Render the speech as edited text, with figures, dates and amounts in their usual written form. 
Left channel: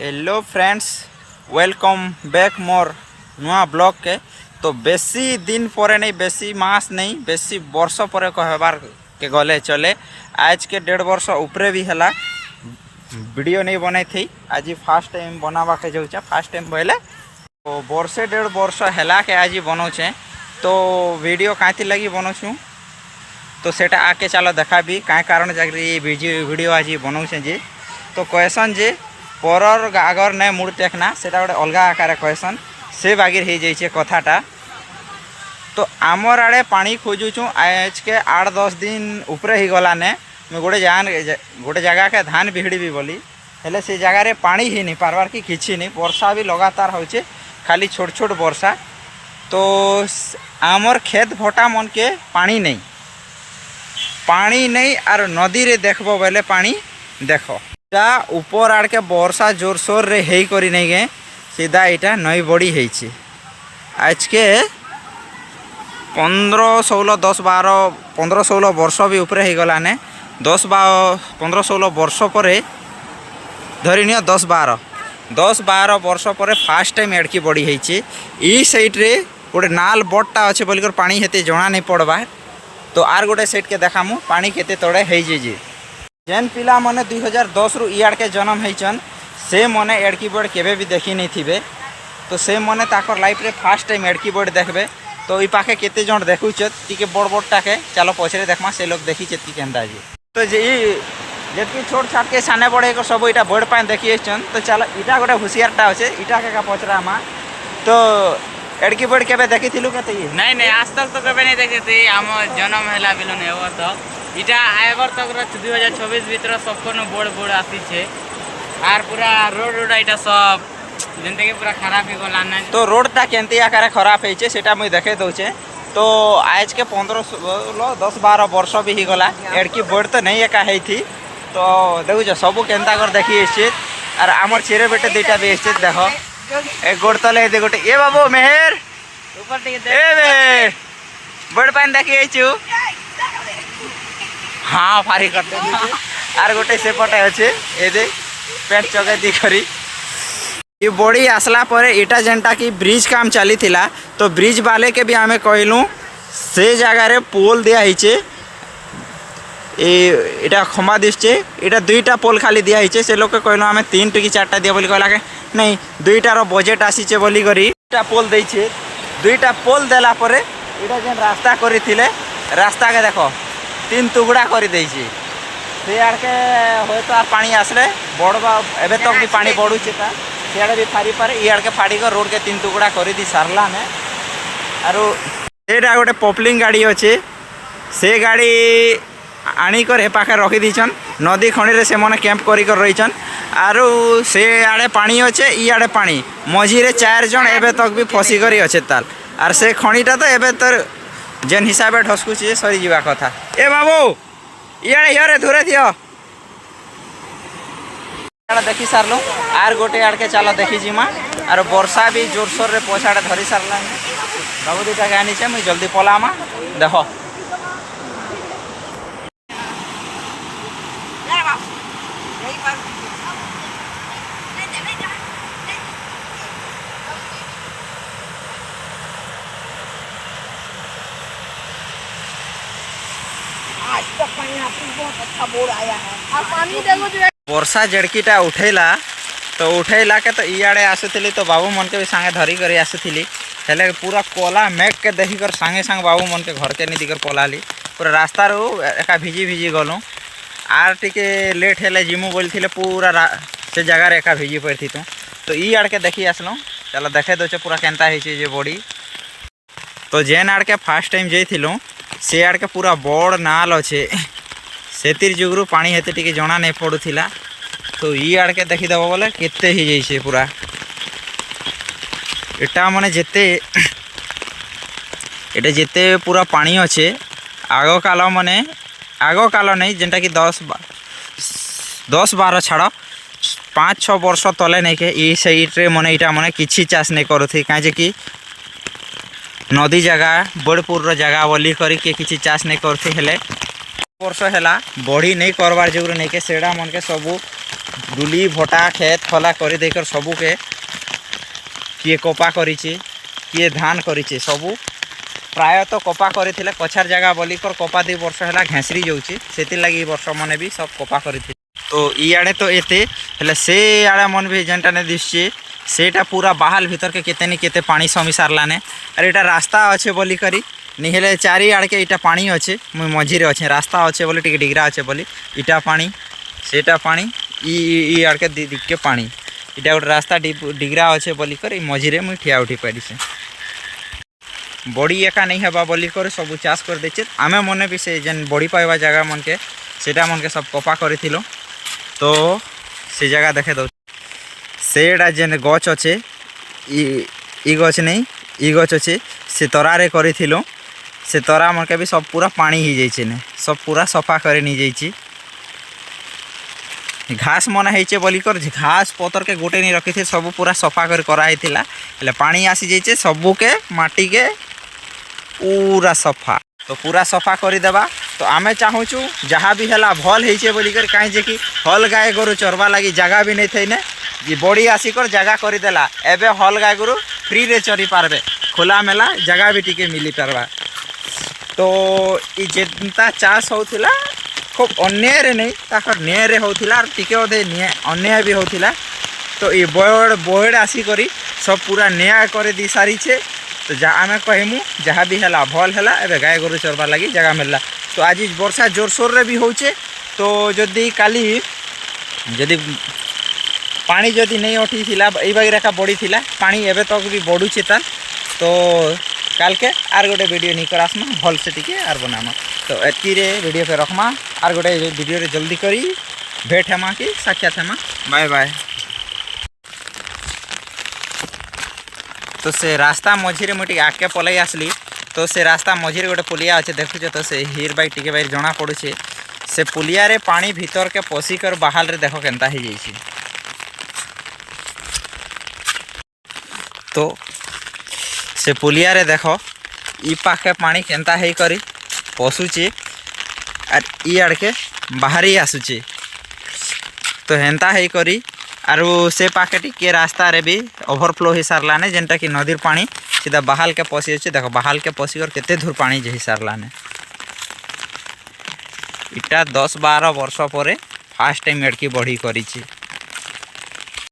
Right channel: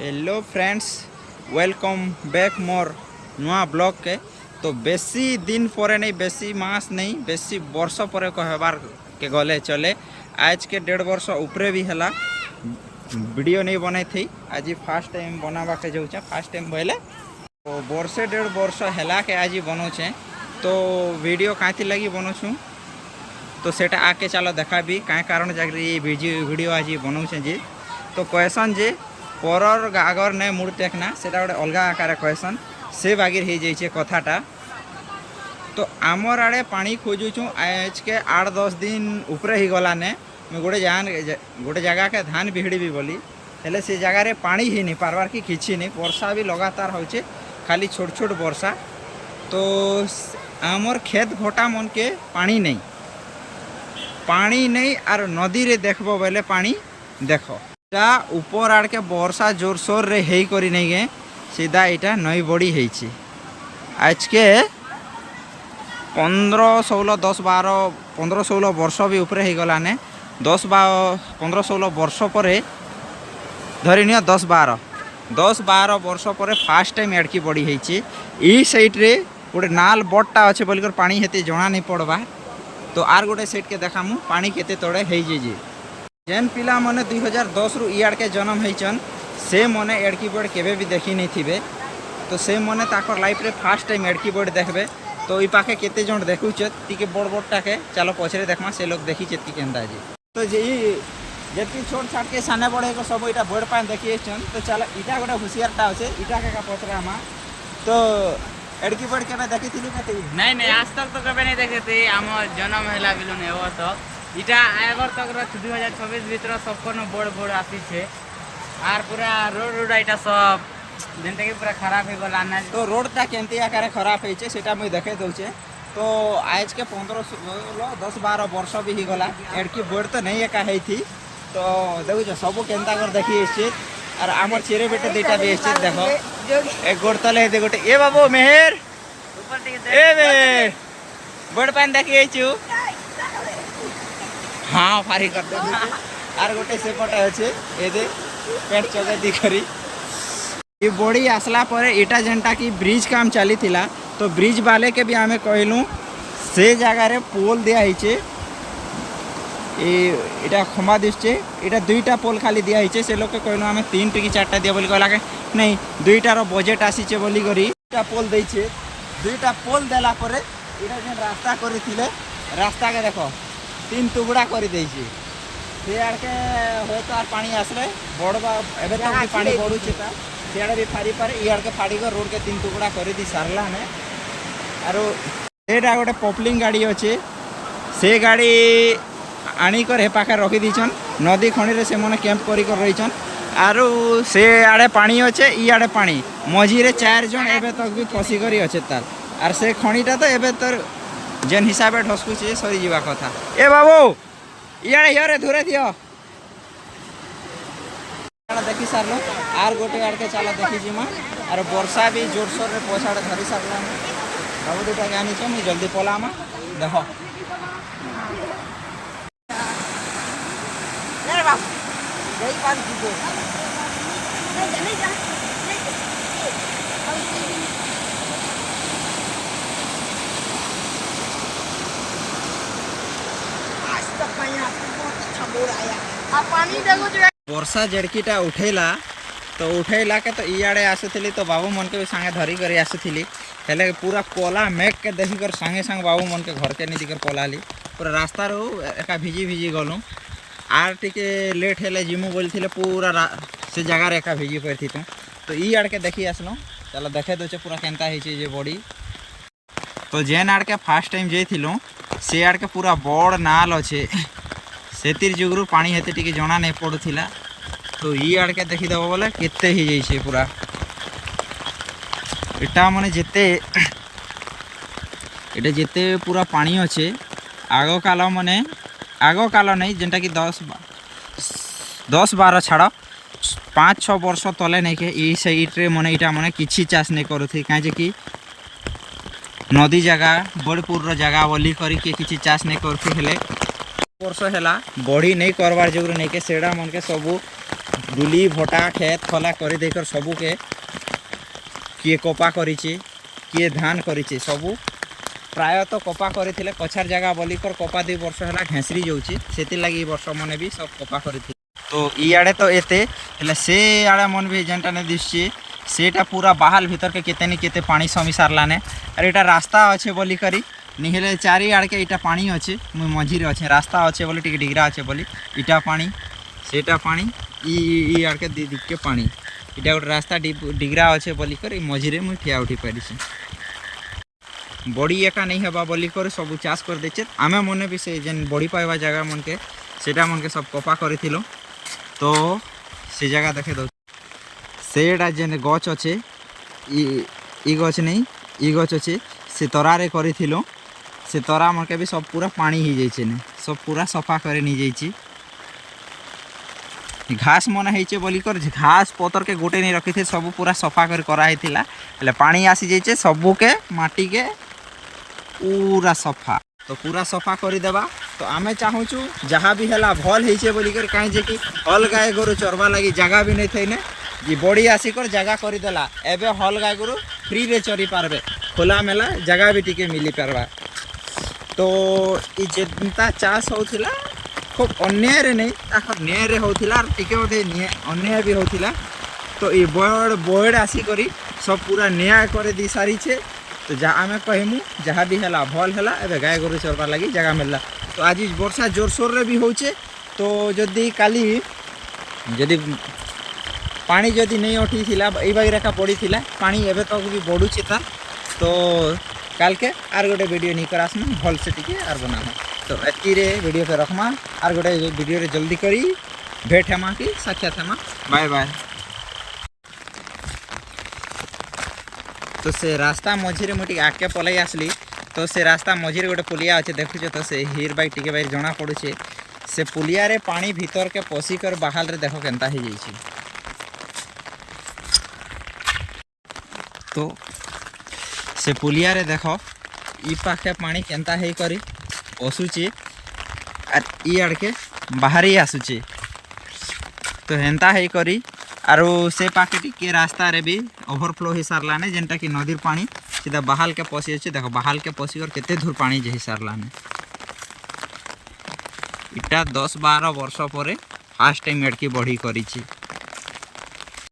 Hello friends, welcome back मोर नुआ blog के। तो बेसी दिन पर नहीं, बेसी मास नहीं, बेसी वर्ष पर कहबार के गले चले। आज के 1.5 वर्ष उपरे भी है वीडियो नहीं बनाई थी। आज फास्ट टाइम बनावा के जाऊँ, फास्ट टाइम बोले तो वर्षे 1.5 वर्ष है के आज बनाऊे। तो वीडियो कहीं लगी बनाऊँ तो सेटा आके चलो देखा भी कहीं कारण जाकरी वीडियो आज बनाऊे जी। तो कहसन जे परर आगर नहीं मुड़ टेकना से गोटे अलग आकार कहसन से बागिर हो जाइए कथाटा। तो आमर आड़े पानी खोजुचु आज के 8-10 दिन उपरे ही गलाने। मैं गोटे जगह के धान बिहड़ी भी बोली हेले से जगार पानी ही नहीं पार्बार कि किसी नहीं। वर्षा भी लगातार होचे, खाली छोट छोट वर्षा। तो आमर खेत भटा मन के पानी नहीं आर नदी रे देखबो बेले पानी देखो ऊपर आड़ के वर्षा जोर सोर रे हेई करी नहीं गए सीधा इटा नई बड़ी है। आज के 15-16 वर्ष भी उपरे हो गलाने। 15-16 वर्ष पर धरी नियो 10-12 वर्ष पर फास्ट टाइम एड़की बड़ी है। सैड रे गोटे नाल बटटा अच्छे बोलिकर पानी हेते जना नहीं पड़वा। तो आर गोटे सैड के देखामु पानी केते तड़े है। जेन पिला मने 2010 रु इयाड़ के जन्म होइचन से मने एड़की बोर्ड केबे भी देखी नहीं थिबे। तो से मने ताकर लाइफ रे फास्ट टाइम एड़की बोर्ड देखबे। तो ई पाखे केते जण देखुचत टिके बड़ बड़टा के चलो पछरे देखमा से लोग देखी चेती केंदा जी। तो जे जेतकी छोट छाट के साने बड़े को सब इटा बोर्ड पाए देखी एचन। तो चलो इटा गोटे हुसियारटा अछि इटा के का पछरामा। तो एड़की बोर्ड केबे देखी थिलु केते नहीं आज तक तो कभी नहीं देखे थे। आम जन्म है बिलु नहीं हो तक इटा आगर तक 2026 भीतर सबको बोर्ड बोर्ड आसी छे। आर पूरा रोड इटा सब जनता के पूरा खराब हो गला। तो रोडटा केंती आकार खराब होइछे सेटा मुई देखे दउछे। तो आज के 15-10-12 वर्ष भी ही गला एड़की बोर्ड तो नहीं एका है थी। तो देखुछ सब केंता कर देखी एछे। आर आमर चेरे बेटे दुईटा भी एछे देखो एक गोड़ तले दे गोटे ए बाबू मेहर ए बे बोर्ड पान देखी एछु। हाँ फारी करते आर गोटे सेपटे अच्छे ए दे पेट चगे दी करी ये बड़ी आसला पर इटा जेनटा कि ब्रिज काम चली थिला। तो ब्रिज वाले के भी आमे कहलु से जगह रे पोल दिया हिचे। इटा खंबा दिसचे इटा 2टा पोल खाली दिया हिचे। से लोग के कहलु आमे 3 टी 4टा दिया बोली कहला के नहीं 2टा रो बजेट आसीचे बोली करी 2टा पोल देइछे। 2टा पोल देला परे इटा जेन रास्ता करी थिले रास्ता के देखो 3 टुकड़ा कर देइछे। से आड़ के होय तो आर पानी आसले बड़बा एबे तक भी पानी बढ़ुचे ता सियाड़े भी फारी पारे ई आड़ के फाड़ी कर रोड के 3 टुकड़ा कर दी सारला ने। आरो सेटा गोटे पॉपलिंग गाड़ी अच्छे से गाड़ी आनिकर हे पाखे रखी दीछन। नदी खणी रे से मने कैंप करी कर रहीछन। आरो से आड़े पानी अच्छे ई आड़े पानी मझी रे 4 जन एबे तक भी फसी करी अच्छे ताल। आर से खणीटा तो एबे तर जेन हिसाब से ढसकुचे सरी जीवा कथा। ए बाबू इे यारे धुरे दियो देखी सारलु आर गोटे आड़ के चलो देखी जीमा। आर वर्षा भी जोरसोर रे पछाड़े धरी सारला बाबू दुटा गानी छे मुई जल्दी पलामा देखो। वर्षा जड़कीटा उठेला तो उठेला के तो इे आसुली तो बाबू मन के भी सांगे धरी कर आसुली हेले पूरा कोला मेघ के देखी कर सांगे सांग बाबू मन के घर के नहीं दिकर पलाली पूरा रास्ता रो एका भिजी गलु। आर टिके लेट हेले जिमु बोलथिले पूरा से जगह एका भिजी पड़ती। तो ई आड़ के देखी आसलु चलो देखे दे पूरा केनता होइछे जे बॉडी। तो जेन आड़ के फास्ट टाइम जाइथिलु से आड़ के पूरा बड़ नाल अच्छे सेतिर जुगरू पानी हेते टिके जना नहीं पड़ुथिला। तो ई आड़ के देखीदेव बोले केते ही जाइछे पूरा एटा माने जेते एटा जेते पूरा पानी अच्छे आगो काल माने आगो काल नहीं जेनटा कि 10-12 छाड़ 5-6 वर्ष तले नहीं के ई साइड रे माने इटा माने किछि चाष नहीं करुथि काजे कि नदी जगह बड़पुर जगह बोली करी के किछि चाष नहीं करथि हेले वर्ष है बढ़ी नहीं करवार जो नहीं के सेड़ा मन के सबू डुली भटा खेत खला कर देकर सबू के किए कपा करिचे किए धान करिचे सबू प्रायतः कपा करथिले कछार जगह बोलिकर कपा 2 वर्ष है घेसरी जाऊँचे से लगी वर्ष मन भी सब कपा करथिले तो इे तो एते हेले से आड़े मन भी जेनटा नहीं दिशे सेटा पूरा बाहाल भीतर के केते नहीं केते पानी समी सारलाने अरे एटा रास्ता अच्छे बोली करी नहीं हेले चारि आड़ के इटा पानी अच्छे मुई मझीरे अच्छे रास्ता अच्छे बोली टिके डिगरा अच्छे बोली इटा पानी सेटा पानी ई आड़ के दिख के पानी इटा गोटे रास्ता डिगरा अच्छे बोली कर मझीरे मुई ठिया उठी पारी से बड़ी एका नहीं हेबा बोली कर सब चाष कर देचे आमे मने भी से जेन बड़ी पाइबा जगह मन के सेटा मन के सब कपा करिथिलो तो से जगह देखे दो सेटा जेन गच अच्छे ई गच नहीं ई गच अच्छे से तरारे करिथिलो से तरा मन के भी सब पूरा पानी ही जाइए ने सब पूरा सफा करे नहीं जाइए घास मन होइचे बोली कर घास पतर के गोटे नहीं रखी थे सब पूरा सफा कर कराई थिला हेले पानी आसी जाइए सबू के माटी के पूरा सफा तो पूरा सफा कर देबा तो आमे चाहूँ जहाँ भी है भल होइचे बोली कर कहीं जे कि हल गाय गोरु चरवा लगी जगह भी नहीं थी ने ये बड़ी आसिकर जगह करदेला एबे हल गाय गोरु फ्री रे चरी पारबे खोला मेला जगह भी टिके मिली पारबा तो ये जेनता चाष होउथिला खूब अन्याय नहीं ताकर न्याय रे होउथिला और टिके ओदे अन्याय भी होउथिला तो ये बोर्ड आसी करी सब पूरा न्याय करे दी सारी छे तो जहाँ आमे कहमु जहाँ भी है भल है एबे गाय गोरु चरवा लगी जगह मिलला तो आज वर्षा जोरसोर रे भी होउचे तो जदि काली जदि पानी जदि नहीं उठी थिला एई बागेरेका पड़ी थिला पानी एबे तक भी बढ़ुचे ता तो काल के आर गोटे वीडियो नहीं करासमा भल से टिके आर बनामा तो एतकी रे वीडियो पे रखमा आर गोटे वीडियो रे जल्दी करी भेट हेमा कि साक्षात हेमा बाय बाय तो से रास्ता मझीरे मुझे आगे पलई आसली तो से रास्ता मझीरे गोटे पुलिया अच्छे देखुच तो से हिर बाई टिके बाई जना पड़ुचे से पुलिया रे पानी भीतर के पशिकर बाहर रे देखो केनता ही जाइए तो से पुलिया रे देखो ई पाखे पानी केनता है करी पशुचे और ई आड़ के बाहरी आसुचे तो हेन्ता है करी आरु से पाखे टिके रास्ता रे भी ओवरफ्लो हो सारलाने जेनटा कि नदीर पानी सीधा बहाल के पशि अच्छे देखो बहाल के पशि और केते धूर पानी जे सारलाने इटा 10-12 वर्ष पर फास्ट टाइम एडकी बढ़ी करी